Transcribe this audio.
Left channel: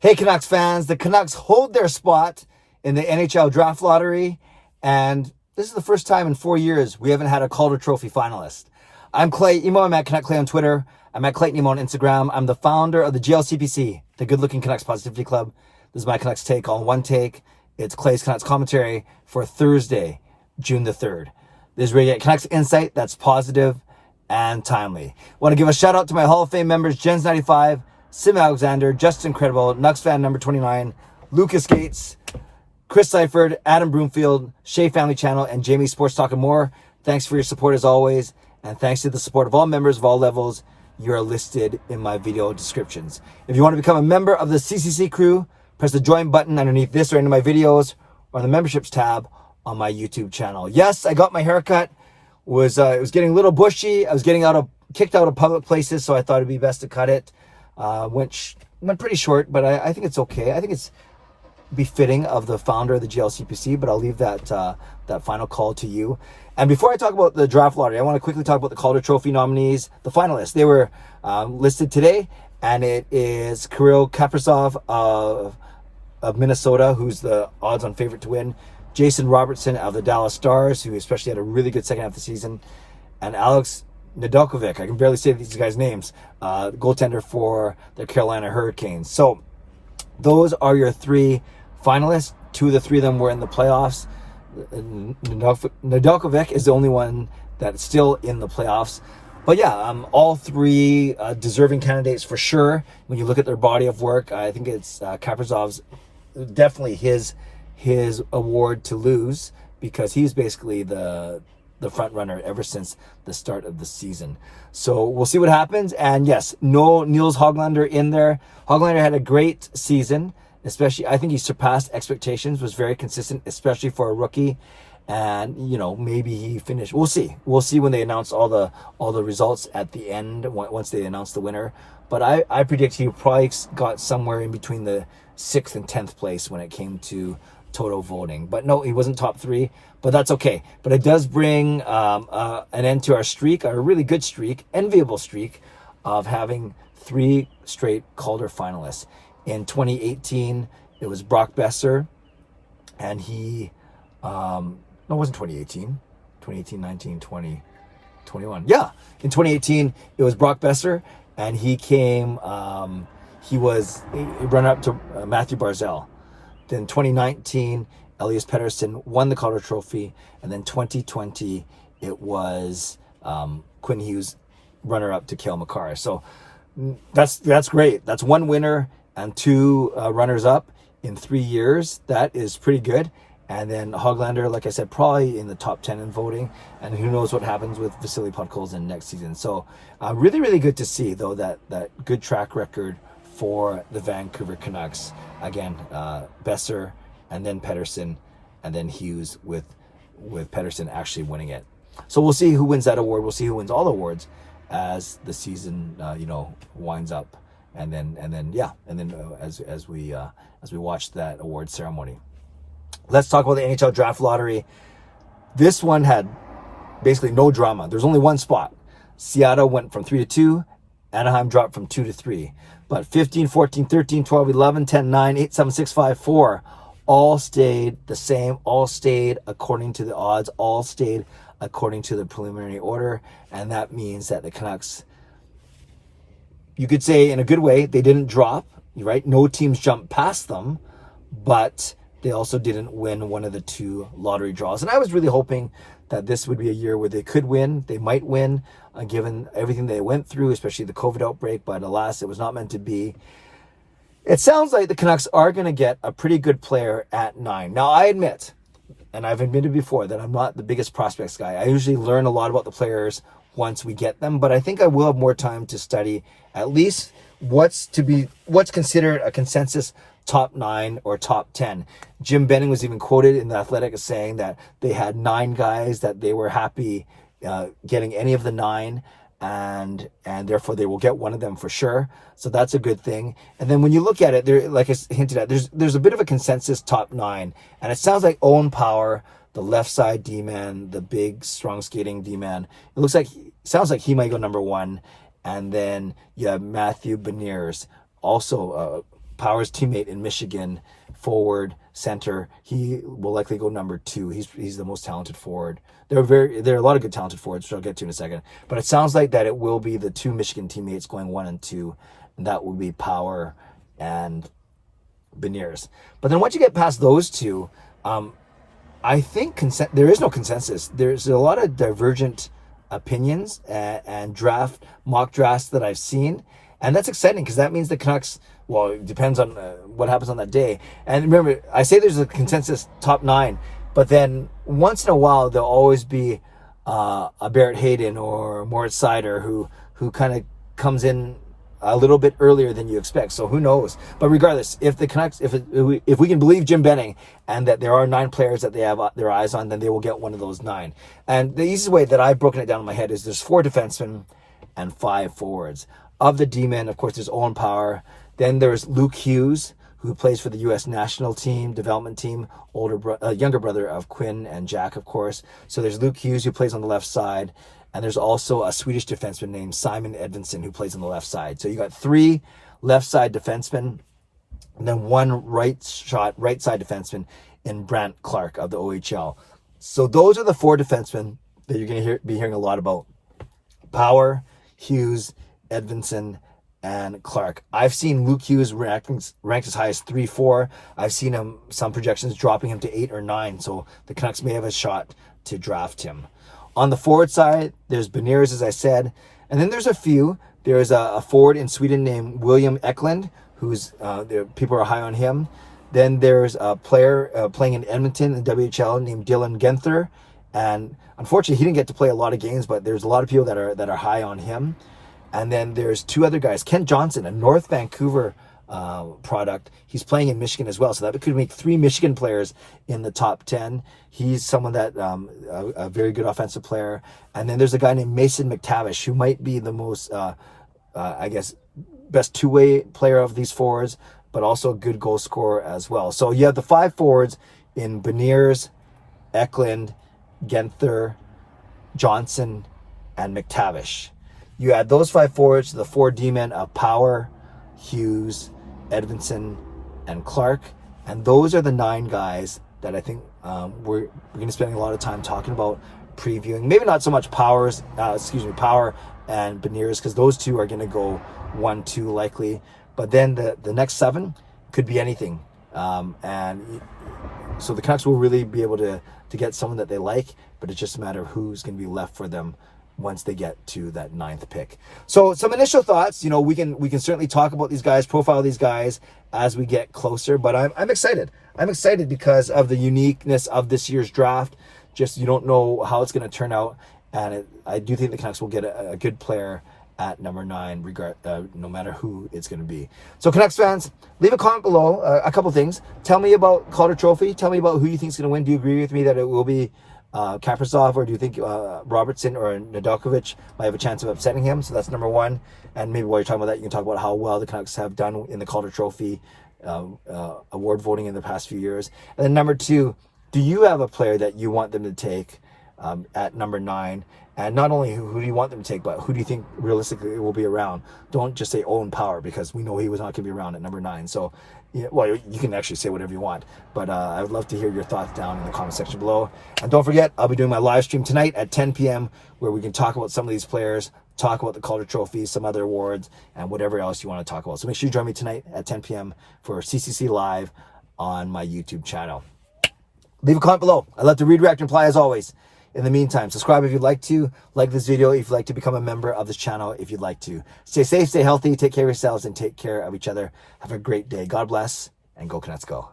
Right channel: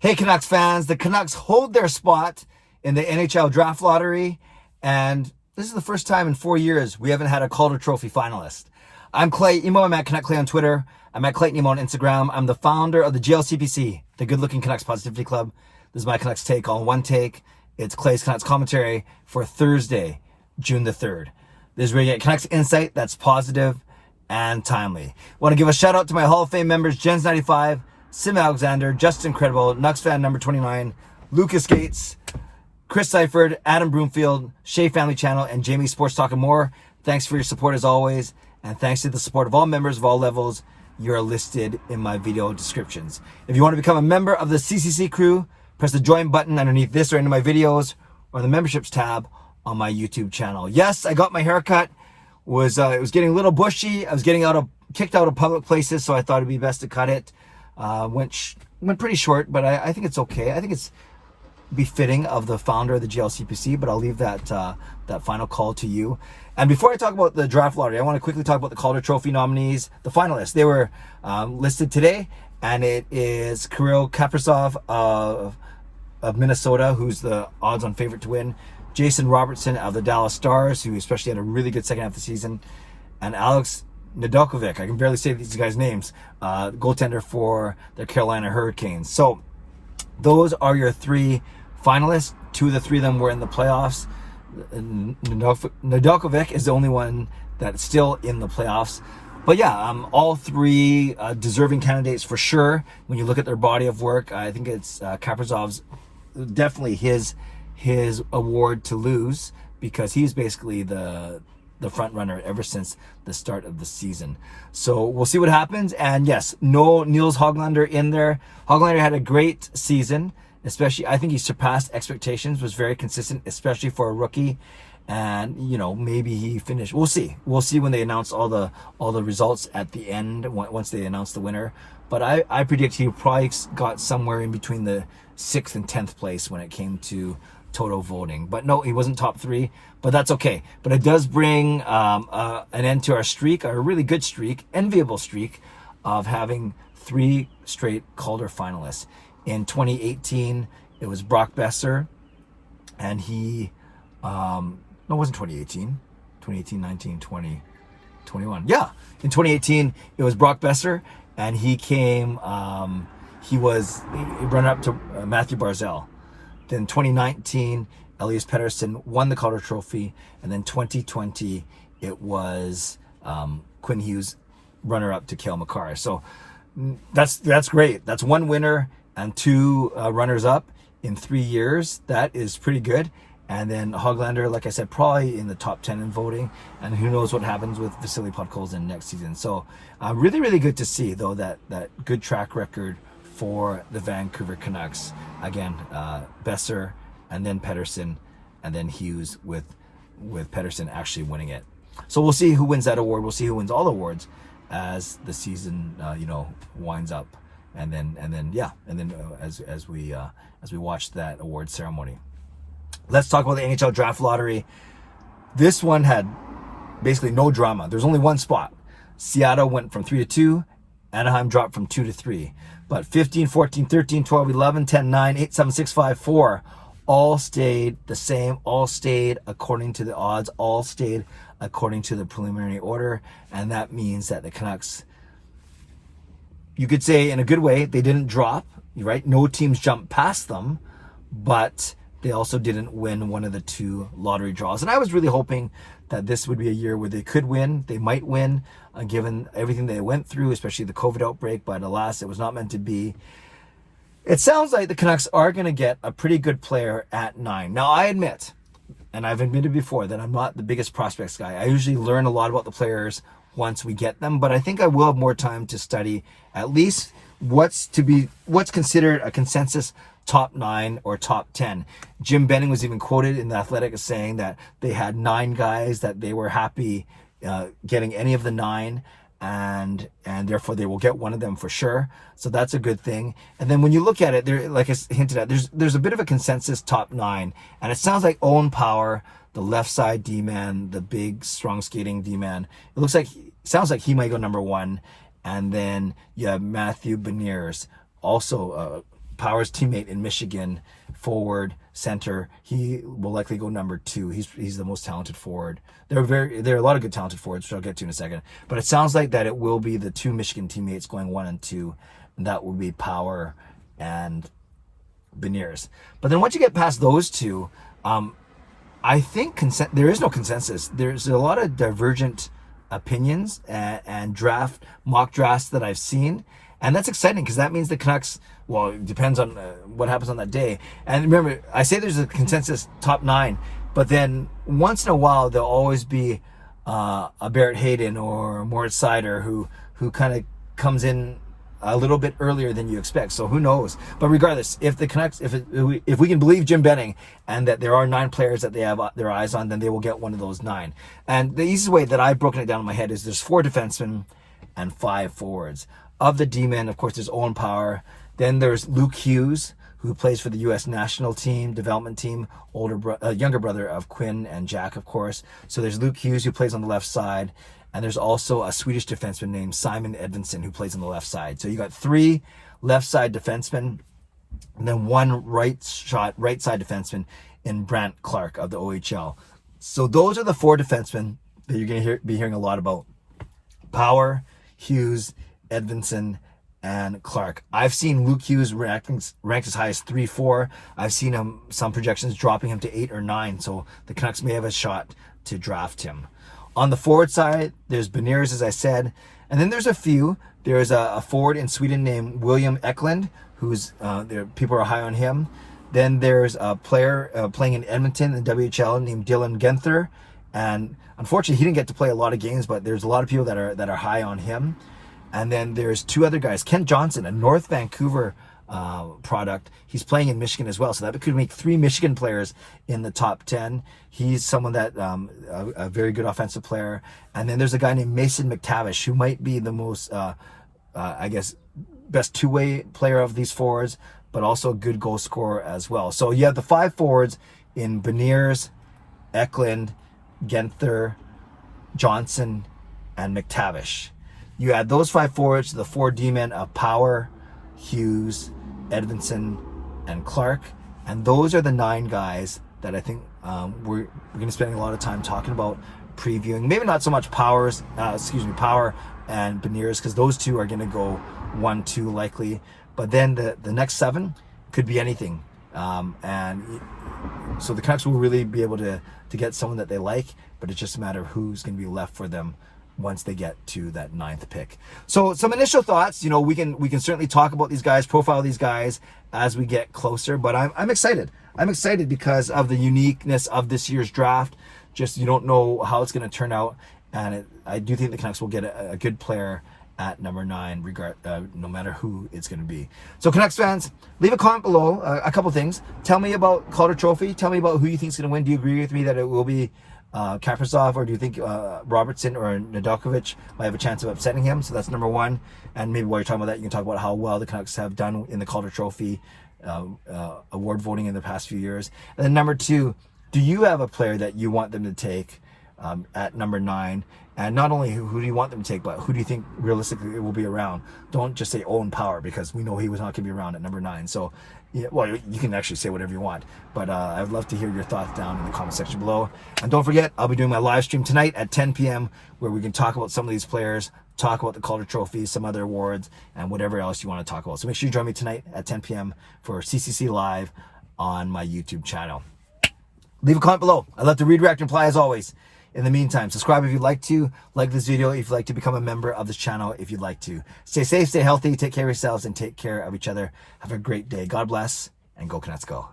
Hey, Canucks fans, the Canucks hold their spot in the NHL Draft Lottery, and this is the first time in 4 years we haven't had a Calder Trophy finalist. I'm Clay Emo. I'm at Canuck Clay on Twitter. I'm at Clayton Emo on Instagram. I'm the founder of the GLCPC, the Good Looking Canucks Positivity Club. This is my Canucks take on one take. It's Clay's Canucks commentary for Thursday, June the 3rd. This is where you get Canucks insight that's positive and timely. Want to give a shout out to my Hall of Fame members, Jens95, Simalexander, Justin Credible, nucksfan number 29, Lucas Gates, Chris Seifried, Adam Broomfield, Shea Family Channel, and Jamie Sports Talk and more. Thanks for your support as always, and thanks to the support of all members of all levels. You are listed in my video descriptions. If you want to become a member of the CCC Crew, press the join button underneath this or any of my videos, or the memberships tab on my YouTube channel. Yes, I got my haircut. It was getting a little bushy. I was getting kicked out of public places, so I thought it'd be best to cut it. Went pretty short, but I think it's okay. I think it's befitting of the founder of the GLCPC, but I'll leave that final call to you. And before I talk about the draft lottery, I want to quickly talk about the Calder Trophy nominees, the finalists. They were listed today, and it is Kirill Kaprizov of Minnesota, who's the odds-on favorite to win, Jason Robertson of the Dallas Stars, who especially had a really good second half of the season, and Alex Nedeljkovic, I can barely say these guys' names, goaltender for the Carolina Hurricanes. So those are your three finalists. Two of the three of them were in the playoffs. Nedeljkovic is the only one that's still in the playoffs. But yeah, all three deserving candidates for sure. When you look at their body of work, I think it's Kaprizov's definitely his award to lose, because he's basically the front runner ever since the start of the season. So we'll see what happens. And yes, no Niels Höglander in there. Höglander had a great season, especially I think he surpassed expectations, was very consistent, especially for a rookie. And maybe he finished. We'll see when they announce all the results at the end, once they announce the winner. But I predict he probably got somewhere in between the 6th and 10th place when it came to total voting. But no, he wasn't top 3, but that's okay. But it does bring an end to our streak, our really good streak, enviable streak of having 3 straight Calder finalists. In 2018, it was Brock Besser, and he, no, it wasn't 2018, 19, 20, 21. Yeah, in 2018, it was Brock Besser, and he came, he ran up to Matthew Barzal. Then 2019, Elias Pettersson won the Calder Trophy, and then 2020, it was Quinn Hughes, runner-up to Cale Makar. So that's great. That's 1 winner and 2 runners-up in 3 years. That is pretty good. And then Höglander, like I said, probably in the top 10 in voting. And who knows what happens with Vasily Podkolzin next season. So really, really good to see, though, that good track record for the Vancouver Canucks. Again, Besser, and then Pettersson, and then Hughes, with Pettersson actually winning it. So we'll see who wins that award. We'll see who wins all the awards as the season winds up, and then as we watch that award ceremony. Let's talk about the NHL Draft Lottery. This one had basically no drama. There's only one spot. Seattle went from 3 to 2. Anaheim dropped from 2 to 3. But 15, 14, 13, 12, 11, 10, 9, 8, 7, 6, 5, 4 all stayed the same. All stayed according to the odds. All stayed according to the preliminary order. And that means that the Canucks, you could say in a good way, they didn't drop, right? No teams jumped past them, but they also didn't win one of the 2 lottery draws. And I was really hoping that this would be a year where they could win. They might win, given everything they went through, especially the COVID outbreak. But alas, it was not meant to be. It sounds like the Canucks are going to get a pretty good player at 9. Now, I admit, and I've admitted before, that I'm not the biggest prospects guy. I usually learn a lot about the players once we get them. But I think I will have more time to study at least what's considered a consensus top 9 or top 10. Jim Benning was even quoted in The Athletic as saying that they had 9 guys that they were happy getting any of the 9, and therefore they will get one of them for sure. So that's a good thing. And then when you look at it, there, like I hinted at, there's a bit of a consensus top 9, and it sounds like Owen Power, the left side D-man, the big strong skating D-man, sounds like he might go number 1. And then you have Matthew Beniers, also Power's teammate in Michigan, forward, center. He will likely go number 2. He's the most talented forward. There are a lot of good talented forwards, which I'll get to in a second. But it sounds like that it will be the 2 Michigan teammates going 1 and 2. And that would be Power and Beniers. But then once you get past those two, I think there is no consensus. There's a lot of divergent opinions and mock drafts that I've seen. And that's exciting because that means the Canucks, well, it depends on what happens on that day. And remember, I say there's a consensus top 9, but then once in a while, there'll always be a Barrett Hayden or Moritz Seider who kind of comes in a little bit earlier than you expect. So who knows? But regardless, if the Canucks, if we can believe Jim Benning and that there are 9 players that they have their eyes on, then they will get one of those 9. And the easiest way that I've broken it down in my head is there's 4 defensemen and 5 forwards. Of the D-men, of course, there's Owen Power. Then there's Luke Hughes, who plays for the U.S. national team, development team, younger brother of Quinn and Jack, of course. So there's Luke Hughes, who plays on the left side. And there's also a Swedish defenseman named Simon Edvinsson, who plays on the left side. So you got 3 left side defensemen, and then 1 right side defenseman in Brant Clark of the OHL. So those are the 4 defensemen that you're going to be hearing a lot about. Power, Hughes, Edvinsson, and Clark. I've seen Luke Hughes ranked as high as 3-4. I've seen some projections dropping him to 8 or 9. So the Canucks may have a shot to draft him. On the forward side, there's Beniers, as I said. And then there's a few. There's a forward in Sweden named William Eklund, who's people are high on him. Then there's a player playing in Edmonton in WHL named Dylan Genther. And unfortunately, he didn't get to play a lot of games, but there's a lot of people that are high on him. And then there's 2 other guys. Kent Johnson, a North Vancouver product. He's playing in Michigan as well. So that could make 3 Michigan players in the top 10. He's someone that, a very good offensive player. And then there's a guy named Mason McTavish, who might be the most, I guess, best 2-way player of these forwards, but also a good goal scorer as well. So you have the 5 forwards in Beniers, Eklund, Genther, Johnson, and McTavish. You add those 5 forwards to the 4 D-men of Power, Hughes, Edvinsson, and Clark. And those are the 9 guys that I think we're going to spend a lot of time talking about, previewing. Maybe not so much Power and Beniers, because those 2 are going to go 1-2 likely. But then the next 7 could be anything. And so the Canucks will really be able to get someone that they like, but it's just a matter of who's going to be left for them once they get to that 9th pick. So some initial thoughts, we can certainly talk about these guys, profile these guys as we get closer, but I'm excited. I'm excited because of the uniqueness of this year's draft. Just, you don't know how it's going to turn out. And I do think the Canucks will get a good player at number 9, no matter who it's going to be. So Canucks fans, leave a comment below. A couple things. Tell me about Calder Trophy. Tell me about who you think is going to win. Do you agree with me that it will be Kaprizov, or do you think Robertson or Nedeljkovic might have a chance of upsetting him? So that's number 1. And maybe while you're talking about that, you can talk about how well the Canucks have done in the Calder Trophy award voting in the past few years. And then number 2, do you have a player that you want them to take at number 9? And not only who do you want them to take, but who do you think realistically it will be around? Don't just say Owen Power, because we know he was not going to be around at number 9. So, well, you can actually say whatever you want. But I would love to hear your thoughts down in the comment section below. And don't forget, I'll be doing my live stream tonight at 10 p.m. where we can talk about some of these players, talk about the Calder Trophy, some other awards, and whatever else you want to talk about. So make sure you join me tonight at 10 p.m. for CCC Live on my YouTube channel. Leave a comment below. I'd love to read, react, and reply as always. In the meantime, subscribe if you'd like to. Like this video if you'd like to become a member of this channel if you'd like to. Stay safe, stay healthy, take care of yourselves, and take care of each other. Have a great day. God bless, and go Canucks go.